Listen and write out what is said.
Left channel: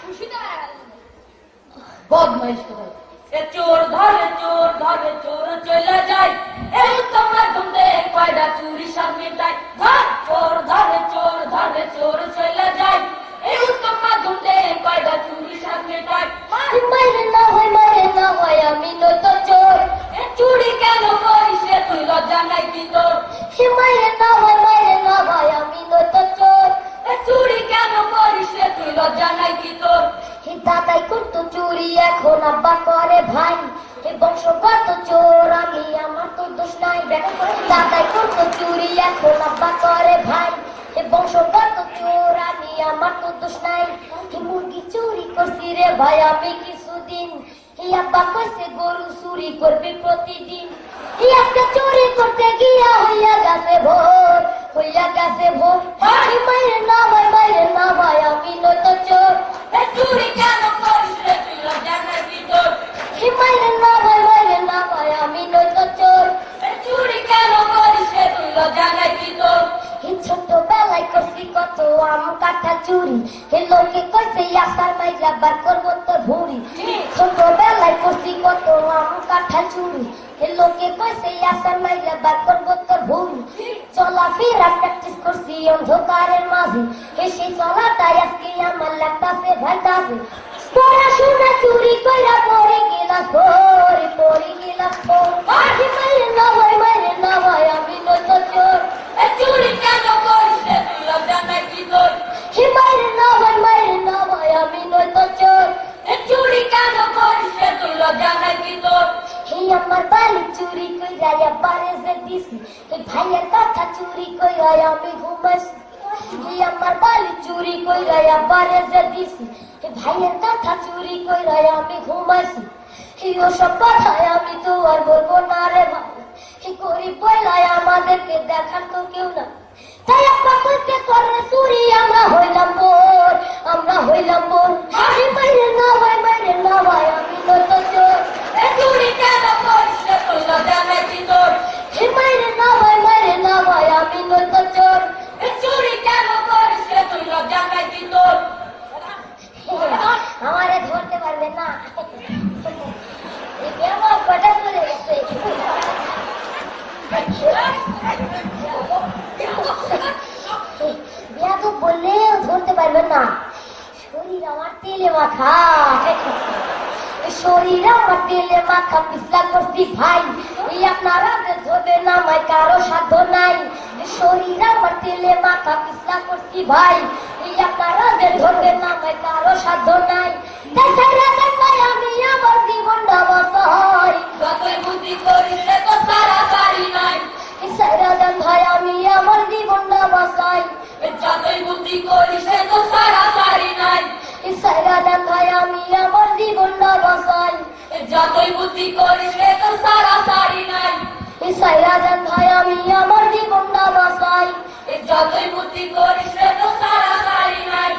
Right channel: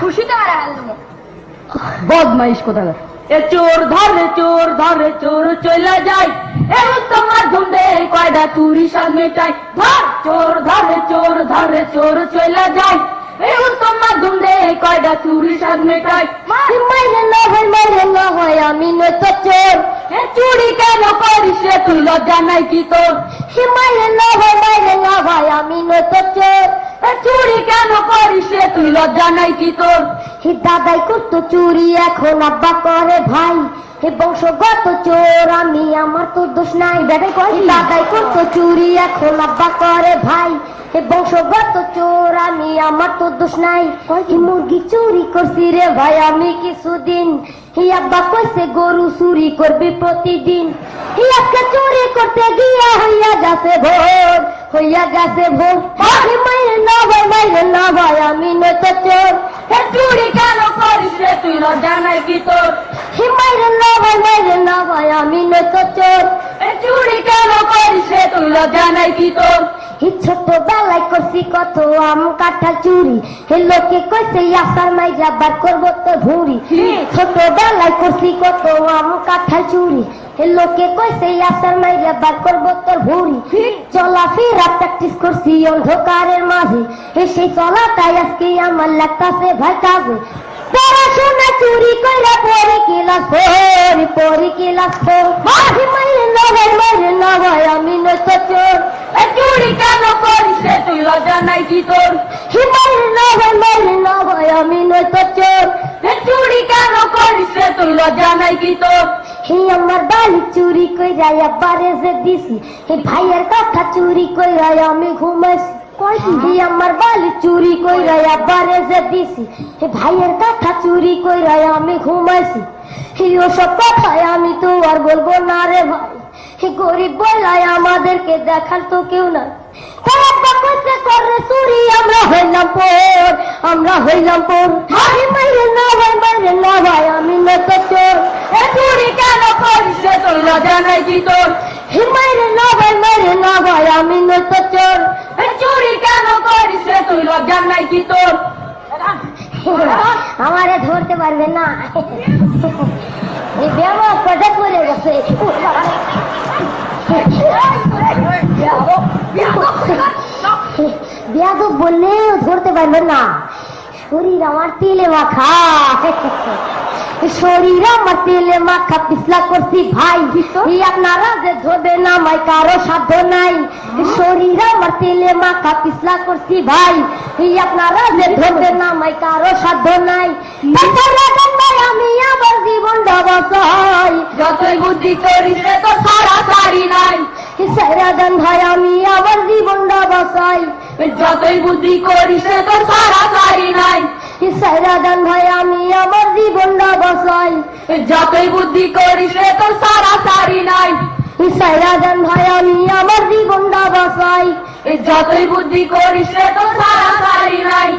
খুশিতে আর বদমাইশ কোথাকার। এ চোর ধরে চোর চলে যায়, এই তোমার ধুন্দে কয়টা চুরি সব মেটায়। চোর ধরে চোর চলে যায়, এই তোমার ধুন্দে কয়টা চুরি সব মেটায়। মাইরে না হয় আমি নয় তো চোর। চুরি কেন করিস রে তুই, লজ্জা নাই কি তোর? মাইরে না হয় আমি নয় তো চোর। চুরি কেন করিস রে তুই, লজ্জা নাই কি তোর? হে দাদাই করতো চুরি, এখন আব্বা করে ভাই। হে বংশগত চোর আমি, আমার তো দোষ নাই। দাদাই করতো চুরি, এখন আব্বা করে ভাই। হে বংশগত চোর আমি, আমার তো দোষ নাই। মুরগি চুরি করছি রে ভাই আমি কিছুদিন। হে আব্বা কইছে গরু চুরি করবি প্রতিদিন। হে আজকে চুরি করতে গিয়া হইয়া গেছে ভোর। মাইরে না ভাই আমি নয় তো চোর। চুরি কেন করিস রে তুই, লজ্জা নাই কি তোর? মাইরে না ভাই আমি নয় তো চোর। চুরি কেন করিস রে তুই, লজ্জা নাই কি তোর? ছোটবেলায় করছি কত আম কাঁঠাল চুরি। হে লোকে কইছে আসার নাই যাবার করবো তো ভুরি। ছোটবেলায় করছি কত আম কাঁঠাল চুরি। হে লোকে কইছে আসার নাই যাবার করবো তো ভুরি। চলাফেরা প্র্যাকটিস করছি অন্ধকারের মাঝে। হে সেই চলাটাই আজকে আমার লাগতাছে ভাই কাজে। পড়াশোনা চুরি কইরা পরে ক্লাস ফোর। মাইরে না ভাই আমি নয় তো চোর। চুরি কেন করিস রে তুই, লজ্জা নাই কি তোর? মাইরে না ভাই আমি নয় তো চোর। চুরি কেন করিস রে তুই, লজ্জা নাই কি তোর? হে আমার বালি চুরি কইরা আব্বারে যে দিছি। হে ভাইয়ের কথা চুরি কইরা আমি ঘুমাইছি। হে আমার বালি চুরি কইরা আব্বারে যে দিছি। হে ভাইয়ের কথা চুরি কইরা আমি ঘুমাইছি। হে ওসব কথায় আমি তো আর বলবো না রে ভাই। হে গরিব বলাই আমাদেরকে দেখার তো কেউ না। তাই আব্বা কইতে করে চুরি, আমরা হইলাম পর। মাইরে না ভাই আমি নয় তো চোর। চুরি কেন করিস রে তুই, লজ্জা নাই কি তোর? মাইরে না ভাই আমি নয় তো চোর। চুরি কেন করিস রে তুই, লজ্জা নাই কি তোর? আমারে ধরতে পারবে না। এই ব্যামা কটা পড়ে গেছে। বিয়া তো বললেও ধরতে পারবে না। শরীর আমার তেলে মাখা, পিছলা করছি ভাই। আপনারা যে ধরবে না আমায় কারো সাধ্য নাই। শরীর আমার তেলে মাখা, পিছলা করছি ভাই। আপনারা যে ধরবে না আমায় কারো সাধ্য নাই। আমি আমার জীবনটা বাঁচাই। যতই বুদ্ধি করিস রে তো সারা সারি নাই। সারাদান ভাই আমি আমার জীবনটা বাঁচাই। যতই বুদ্ধি করিস রে তো সারা সারি নাই। সারাদান ভাই আমি আমার জীবনটা বাঁচাই। যতই বুদ্ধি করিস রে তো সারা সারি নাই। সারাদান ভাই আমি আমার জীবনটা বাঁচাই। যতই বুদ্ধি করিস রে তো সারা সারি নাই।